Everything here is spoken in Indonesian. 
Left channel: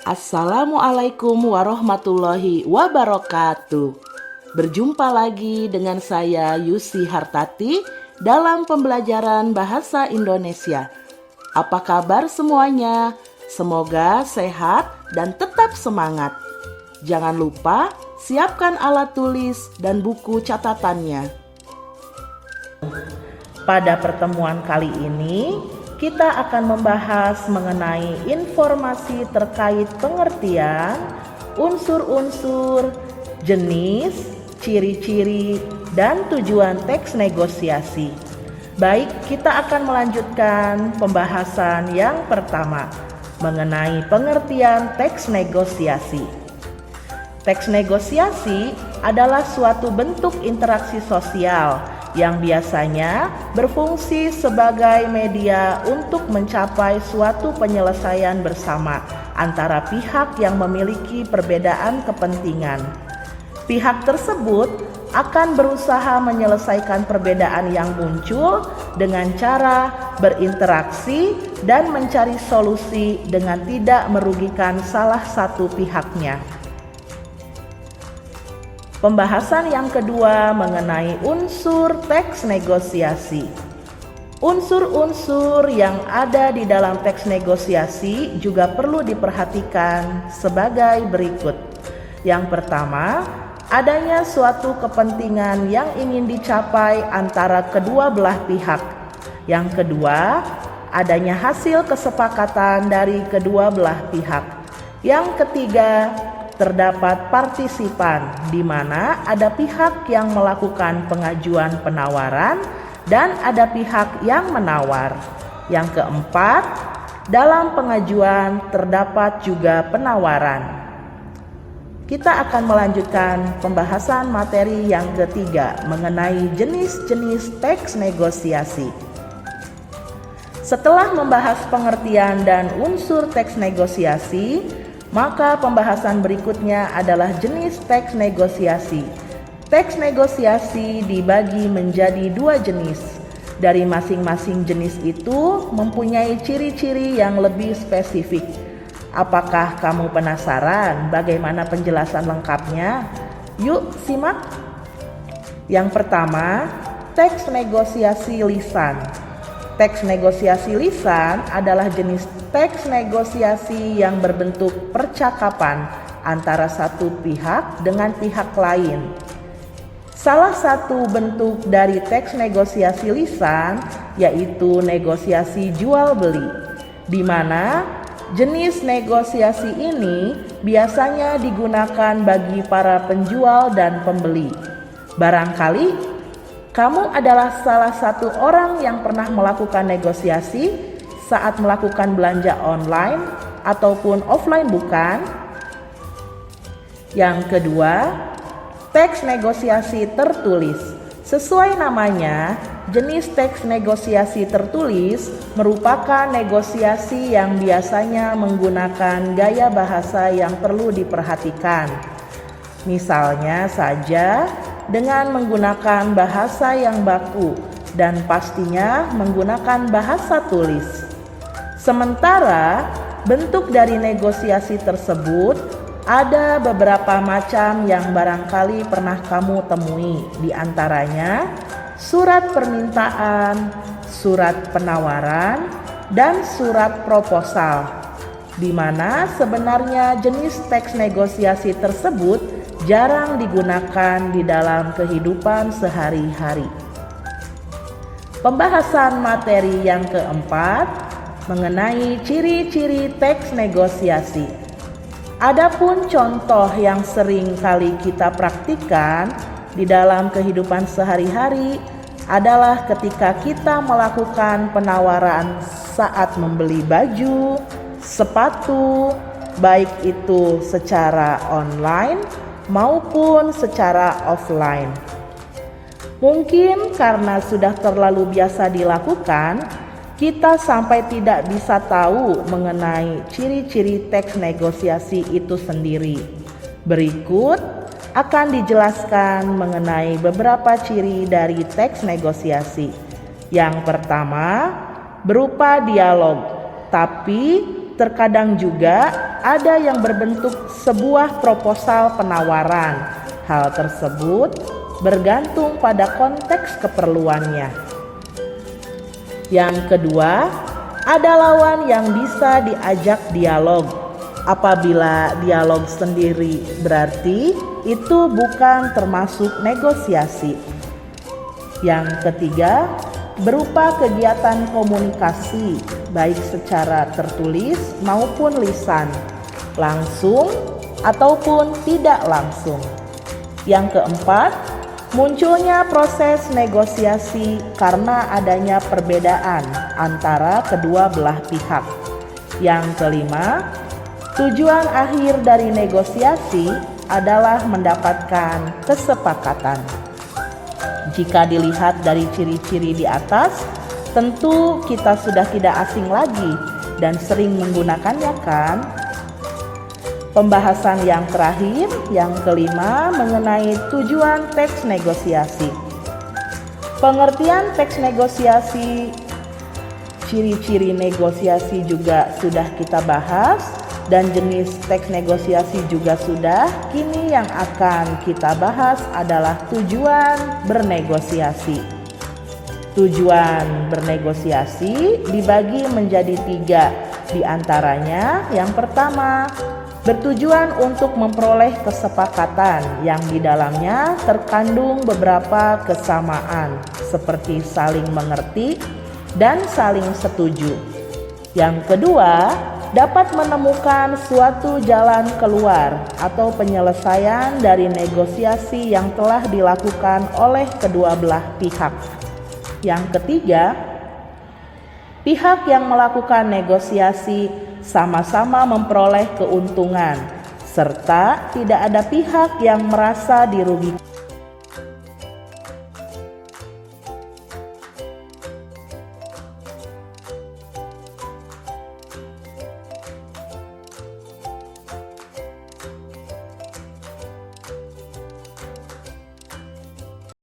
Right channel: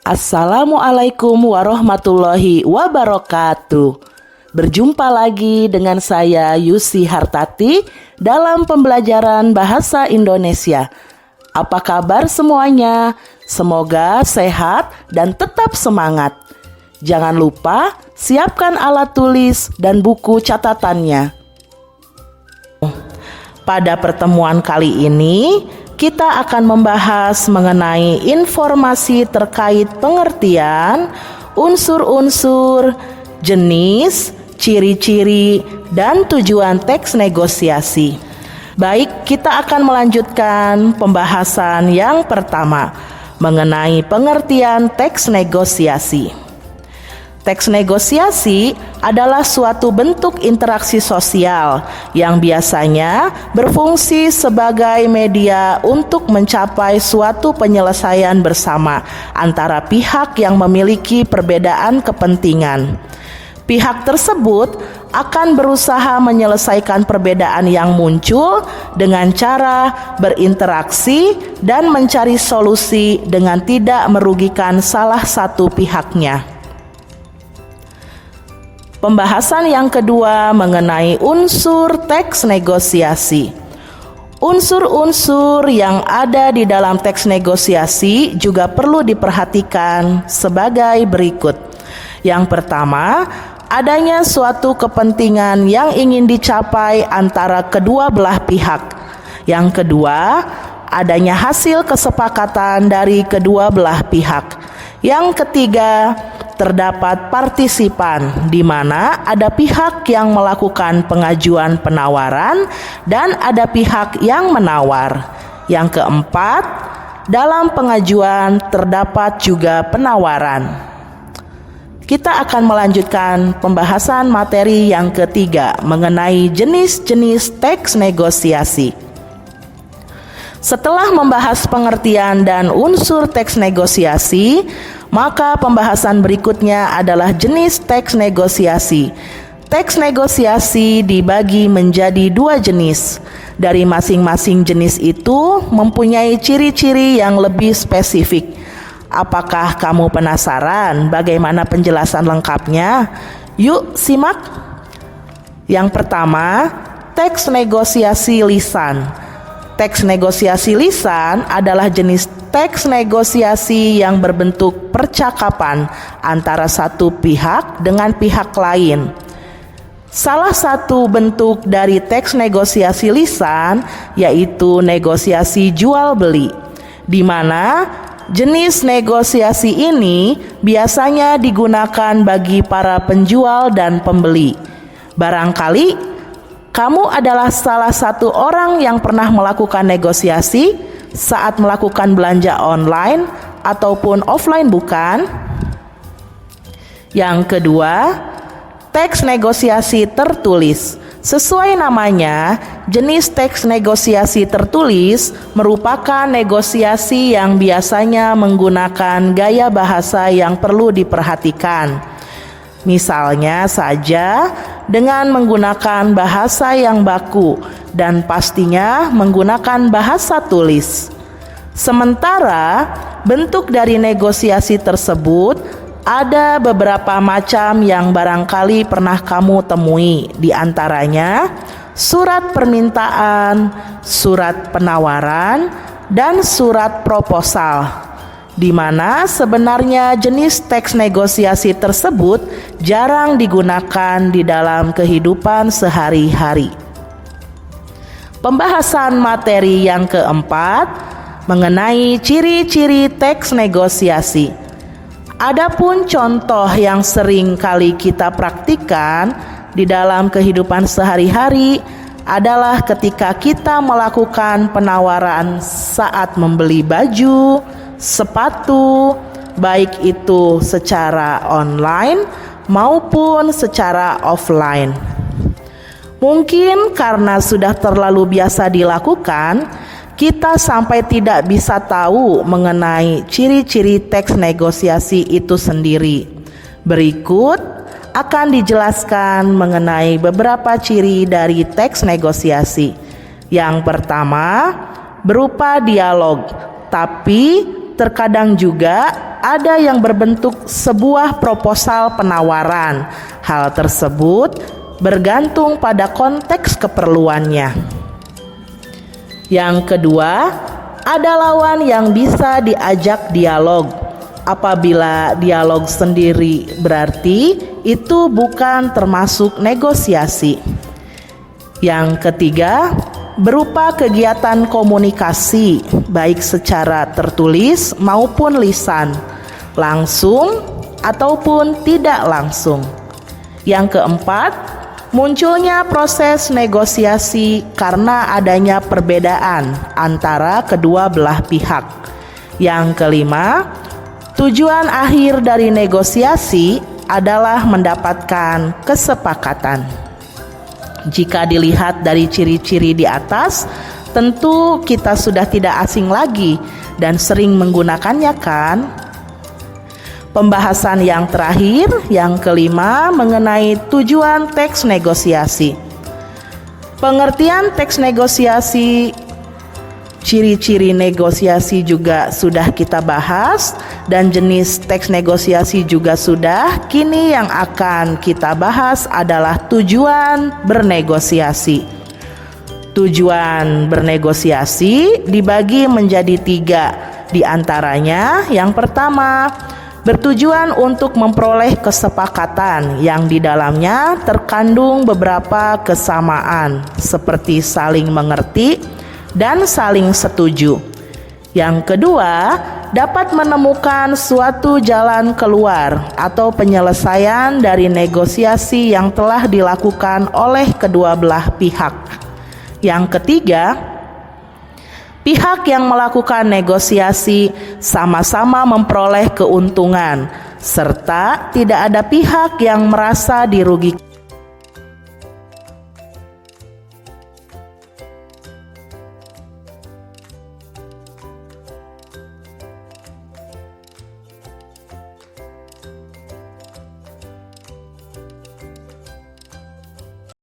Assalamualaikum warahmatullahi wabarakatuh. Berjumpa lagi dengan saya Yusi Hartati dalam pembelajaran bahasa Indonesia. Apa kabar semuanya? Semoga sehat dan tetap semangat. Jangan lupa siapkan alat tulis dan buku catatannya. Pada pertemuan kali ini, kita akan membahas mengenai informasi terkait pengertian, unsur-unsur, jenis, ciri-ciri, dan tujuan teks negosiasi. Baik, kita akan melanjutkan pembahasan yang pertama mengenai pengertian teks negosiasi. Teks negosiasi adalah suatu bentuk interaksi sosial yang biasanya berfungsi sebagai media untuk mencapai suatu penyelesaian bersama antara pihak yang memiliki perbedaan kepentingan. Pihak tersebut akan berusaha menyelesaikan perbedaan yang muncul dengan cara berinteraksi dan mencari solusi dengan tidak merugikan salah satu pihaknya. Pembahasan yang kedua mengenai unsur teks negosiasi. Unsur-unsur yang ada di dalam teks negosiasi juga perlu diperhatikan sebagai berikut. Yang pertama, adanya suatu kepentingan yang ingin dicapai antara kedua belah pihak. Yang kedua, adanya hasil kesepakatan dari kedua belah pihak. Yang ketiga, terdapat partisipan, di mana ada pihak yang melakukan pengajuan penawaran dan ada pihak yang menawar. Yang keempat, dalam pengajuan terdapat juga penawaran. Kita akan melanjutkan pembahasan materi yang ketiga mengenai jenis-jenis teks negosiasi. Setelah membahas pengertian dan unsur teks negosiasi, maka pembahasan berikutnya adalah jenis teks negosiasi. Teks negosiasi dibagi menjadi dua jenis. Dari masing-masing jenis itu mempunyai ciri-ciri yang lebih spesifik. Apakah kamu penasaran bagaimana penjelasan lengkapnya? Yuk simak. Yang pertama, teks negosiasi lisan. Teks negosiasi lisan adalah jenis teks negosiasi yang berbentuk percakapan antara satu pihak dengan pihak lain. Salah satu bentuk dari teks negosiasi lisan yaitu negosiasi jual beli, di mana jenis negosiasi ini biasanya digunakan bagi para penjual dan pembeli. Barangkali kamu adalah salah satu orang yang pernah melakukan negosiasi saat melakukan belanja online ataupun offline, bukan? Yang kedua, teks negosiasi tertulis. Sesuai namanya, jenis teks negosiasi tertulis merupakan negosiasi yang biasanya menggunakan gaya bahasa yang perlu diperhatikan. Misalnya saja dengan menggunakan bahasa yang baku dan pastinya menggunakan bahasa tulis. Sementara bentuk dari negosiasi tersebut ada beberapa macam yang barangkali pernah kamu temui, di antaranya surat permintaan, surat penawaran, dan surat proposal, di mana sebenarnya jenis teks negosiasi tersebut jarang digunakan di dalam kehidupan sehari-hari. Pembahasan materi yang keempat mengenai ciri-ciri teks negosiasi. Adapun contoh yang sering kali kita praktikkan di dalam kehidupan sehari-hari adalah ketika kita melakukan penawaran saat membeli baju, sepatu, baik itu secara online maupun secara offline. Mungkin karena sudah terlalu biasa dilakukan, kita sampai tidak bisa tahu mengenai ciri-ciri teks negosiasi itu sendiri. Berikut akan dijelaskan mengenai beberapa ciri dari teks negosiasi. Yang pertama, berupa dialog, tapi terkadang juga ada yang berbentuk sebuah proposal penawaran. Hal tersebut bergantung pada konteks keperluannya. Yang kedua, ada lawan yang bisa diajak dialog. Apabila dialog sendiri, berarti itu bukan termasuk negosiasi. Yang ketiga, berupa kegiatan komunikasi, baik secara tertulis maupun lisan, langsung ataupun tidak langsung. Yang keempat, munculnya proses negosiasi karena adanya perbedaan antara kedua belah pihak. Yang kelima, tujuan akhir dari negosiasi adalah mendapatkan kesepakatan. Jika dilihat dari ciri-ciri di atas, tentu kita sudah tidak asing lagi dan sering menggunakannya, kan? Pembahasan yang terakhir, yang kelima, mengenai tujuan teks negosiasi. Pengertian teks negosiasi, ciri-ciri negosiasi juga sudah kita bahas, dan jenis teks negosiasi juga sudah. Kini yang akan kita bahas adalah tujuan bernegosiasi. Tujuan bernegosiasi dibagi menjadi 3. Di antaranya, yang pertama, bertujuan untuk memperoleh kesepakatan yang di dalamnya terkandung beberapa kesamaan, seperti saling mengerti dan saling setuju. Yang kedua, dapat menemukan suatu jalan keluar atau penyelesaian dari negosiasi yang telah dilakukan oleh kedua belah pihak. Yang ketiga, pihak yang melakukan negosiasi sama-sama memperoleh keuntungan, serta tidak ada pihak yang merasa dirugikan.